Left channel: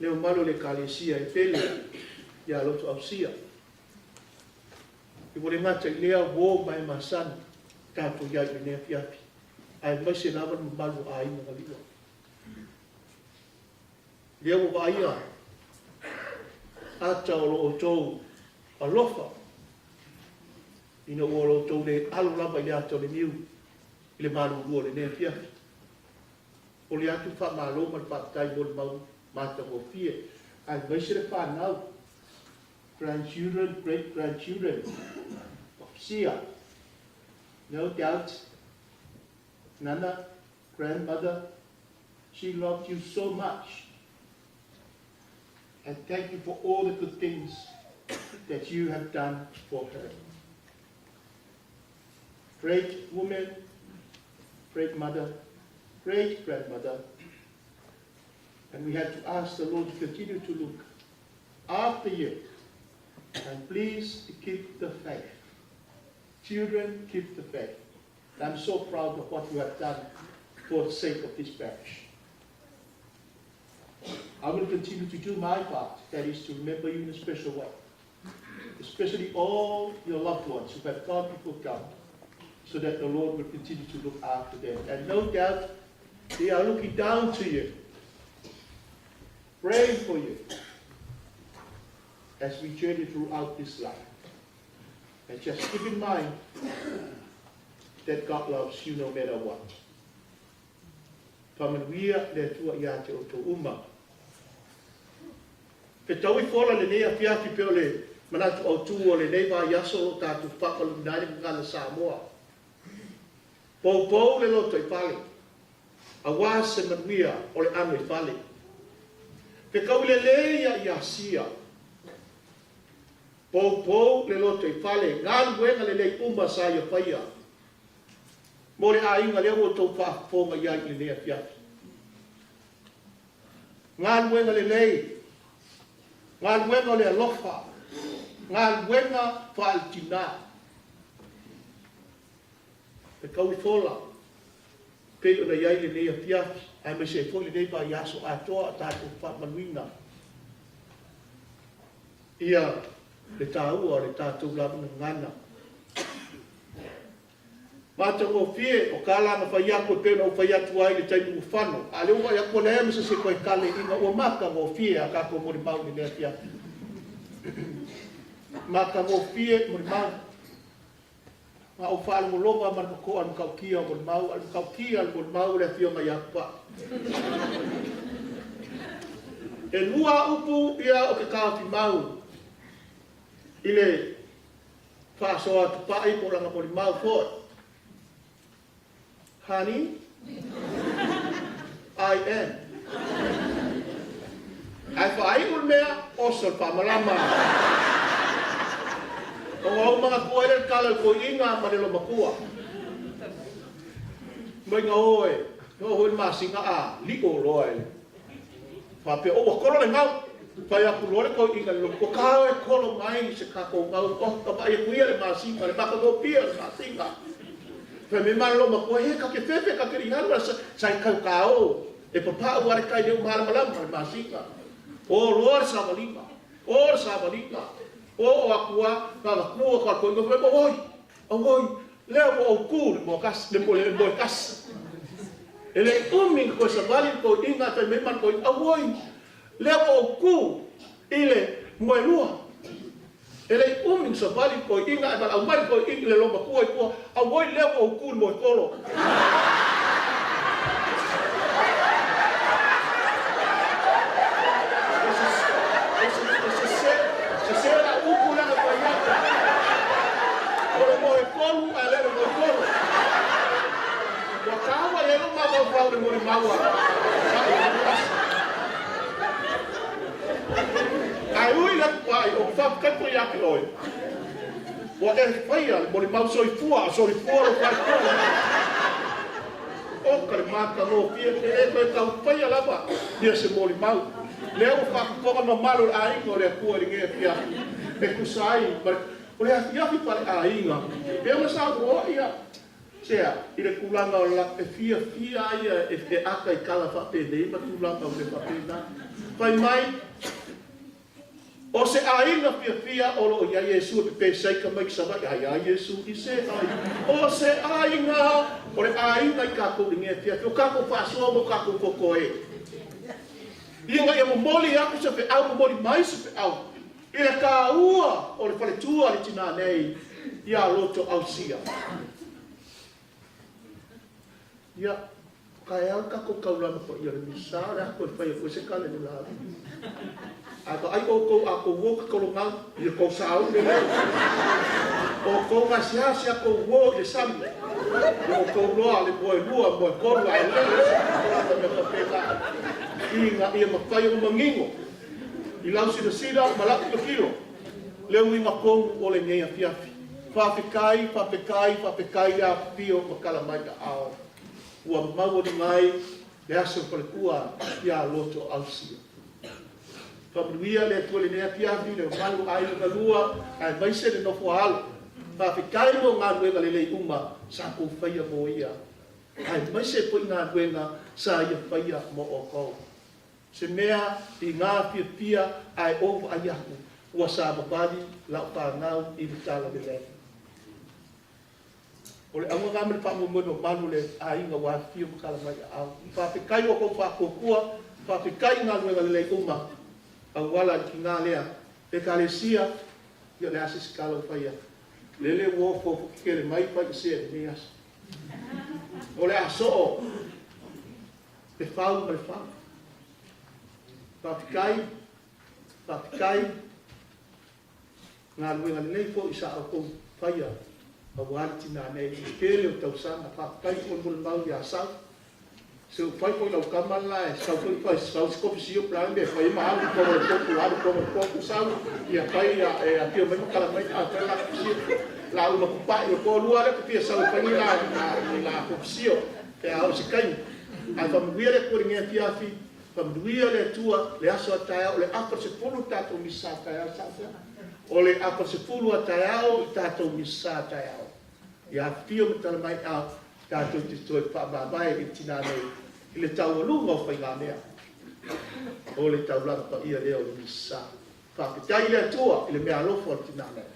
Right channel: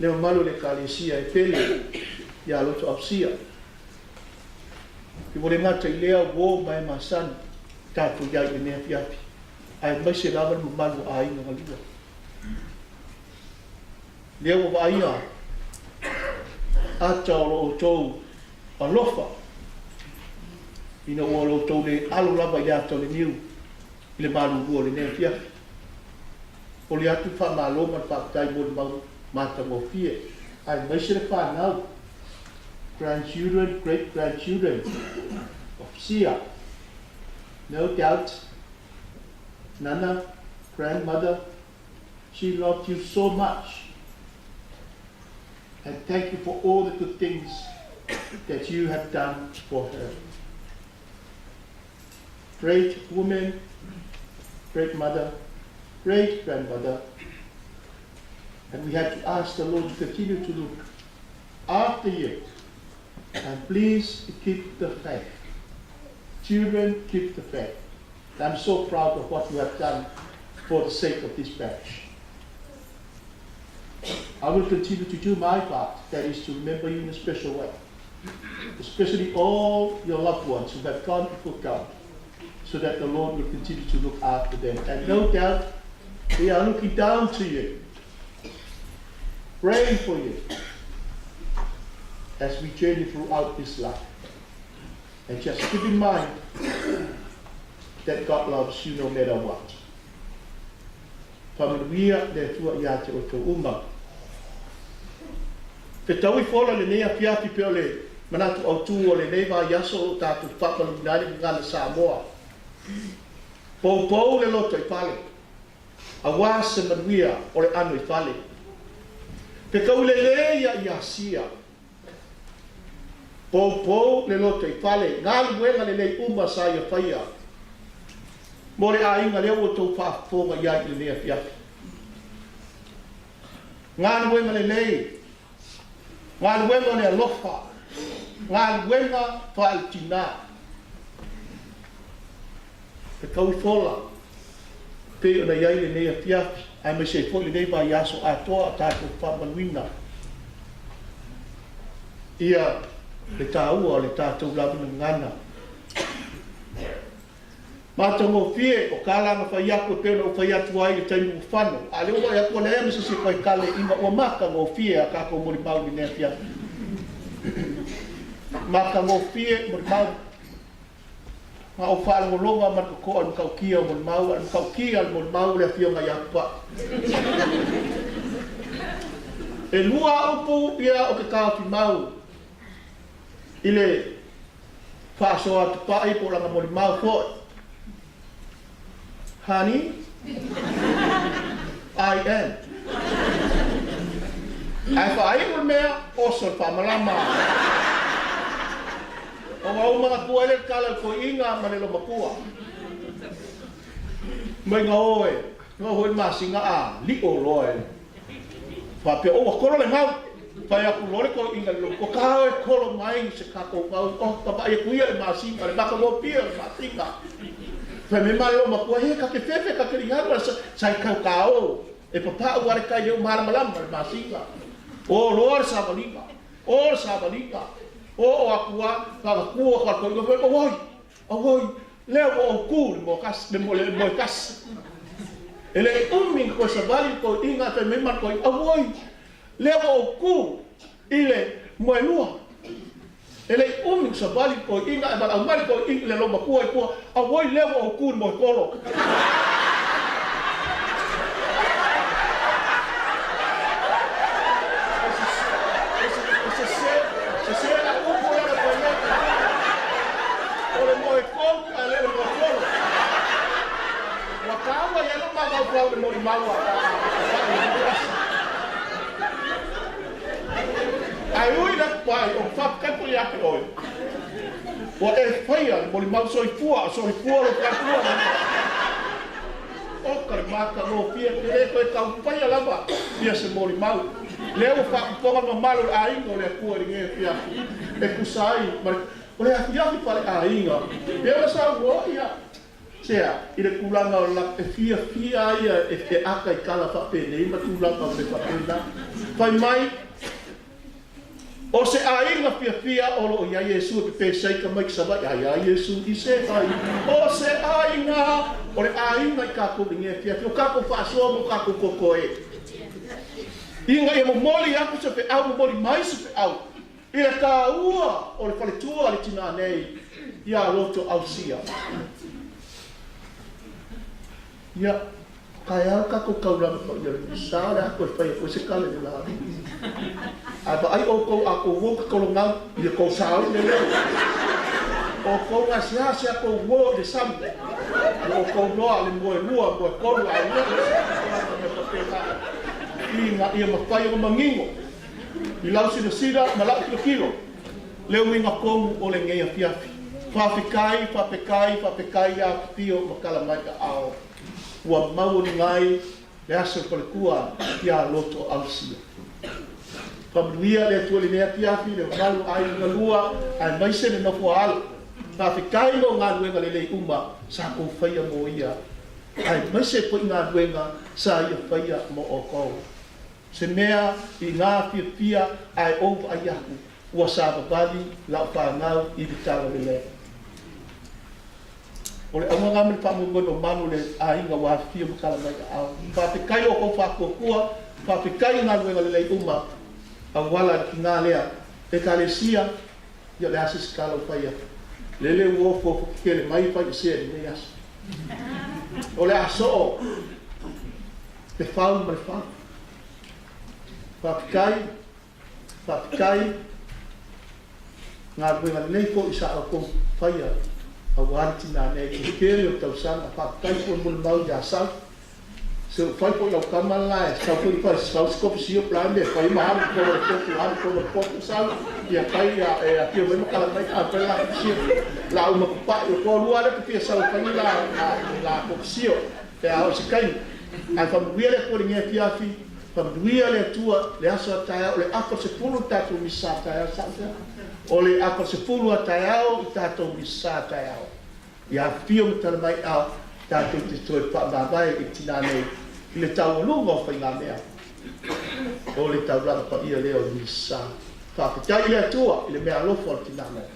leo malu le kalesia e pele ya Lotoausia. Ki mole ngata i lea wo mai masan tātou iai e nea piapi. Ai mai se lawa ma malu a inga ngaliwa. Leo wa ia ata o tau alofa ina o tau le alo lava ia tau le niu i le malu ua le nea piapi. O le atu wha maloma le whakatai mo le mau mata mo fie. Ai mai se le whanau. Grandchildren, great-grandchildren of Sia. No doubt, Nana, grandmother, she loved you so much. And thank you for all the good things that you have done for her. Great woman, great mother, great grandmother. And we have to ask the Lord to continue to look after you. And please keep the faith. Children, keep the faith. I'm so proud of what you have done for the sake of this parish. I will continue to do my part, that is to remember you in a special way. Especially all your loved ones who have gone before God, so that the Lord will continue to look after them. And no doubt, they are looking down to you, praying for you, as we journey throughout this life. And just keep in mind that God loves you no matter what. Pamanuia le tua ia te o tō uma. Te taui whola le nea piapi pe o le manatu au tū o le neiva yaso o tātu whakalu kinari ngana Samoa. Pou le loto i whale. A wā se manuia o le anu i whale. Te kau le leia i Asia. Pou le loto i whale. Ngā luenga le nei uma sa ia whaia. Mo le a inga leo o tō whaafonga iai le nea piapi. Ngā luenga le nei. Ngā luenga le alofa. Ngā luenga whaal tinā. Te kau i whola. Pe o na iai le nea piapi. Ai me se fo le nei mai aso atoa a tātou whamanuina. Ia le tāua o le tātou lamina ngana. Mata ngō fie o kālanga whai ako e pēra o whai atu ai le tainu u whanu. A leo wai ako le eme se koe kale inga o maka ngō fie a kako mori mau ni nea piapi. Maka ngō fie mori mau. Ma o whaala o longa manu ko anu kau kia mori mau. Anu kau kia mori mau le Afioga Iampa. E lua upu ia o ke kāwhi mau. Ile whaasoa tu pai po langa mori mau koe. Honey, I am. Ai whaai o mea, oso whamalama. O au mga kua ele kala ko inga manelo makua. Mai ngā oe masinga a, liko loe. Whape o wakoro le ngau. Pai aku lore ko inga lo ko kao e kolo mai se kako ngau oh papa e kuia le masi ma le baka mo pia le fatika fa me malo ma ko he ka ke fefe ka ke riharu sai kao e papa o pare kai le mara malam masika o lor sabalika o akua ka ku ka ko oi le o ku mo kas le mo kas ele umi ko sabali ko inga te me ma ko oi leva o ku ile moelua ele umi sa pali ko inga ba au mai ko inga le lomba ku ko a voi leva o ku mo polo ai ui la pai o whaka po ia ki loi. O e whaia le poli mau soi fua lo pai kua. O kare maka o pia ki le koe ka whaia lava nia se poli mau. Lea o whakaponga ma maru a inga o lea kua ringe pia e kusai. O lea hiahi pale a inga. Pea ma sa ua ia. sea, i le kulanga o la e fia ia e te aka I kala whapene, ima kulanga o te whapena. Whai mai, o se ainga fia o lo ia Yesu e pe seika mai ki sama, ia Yesu I se vai. O se ainga, o le ainga I kako inge fia, o kako whasoa mo kako koko e. Inga ia mo moli aku se pe au, mo moli mai se pe au. I le ka ua o le whaletua le tinā nei, ia Lotoausia. Ia, kai au kako kauranga pa ia le misa, le hako e whaia koe se kale le lawe. A pa ai o kou a kou woka kolongau, I le kou sao le reo. O kou ngasia si a kou wo le samle. O kou roa le moe koru a le Inga ia mawhai o mangingo. I lau sina malaki o kilo. Leo inga komu o le ngeia fiafi. Whapekai a pio pakala mai ka ao. Ua mau ni ngai le aso pale kua ia Lotoausia. Pamanuia le atua le nea fiafi, le malu ai nga lua, ai maise le nofo alu. Whapekai mo ngā luenga le lei uma, sa kou whaia mo ia. Ai maise po ngā luenga, sa ia whaia mo o kou. Se mea I ngā pia ai opa ai aku, ua sa babali lau whanau I le tala le lea. O le aunga ngā mele whamungono manu le ainga wā fia makala mai ka au. Whapekai o kou whakokua, whapekai ngā luenga le lei uma, a wala ki ngā lea, e ka le sia, ia le asis kala o whaia. Lele uofo ke le mai whai sea ni me asa. O le aso o, le whau mai whau. Whapekai, ngā ruenga nei po I sa au kou whaia, a wāti nā nei, I kere o tau sanga, whapekai po mulu mau ia sau. Se whai po iau kamalai, sau po I whai sau skopi si o plande, whai maharu koro koku sau, ia whai a pio mai makala mai a pela si la uma kupai o korua le pia sau whai la koku si o, te au se kai. Ai whamuia le kore ngea tiafi, Papuia le tua le aso tae le apa se pulu tatu misa tae sa o le apa se pulu tae I tatu misa tae ia fio mata mai a tatu te toi pa na vai I tinā nei I le tau lungo fa ngā mea o le tau raka pa ia leo misa fa tai le tua I le mea lofo tinā nei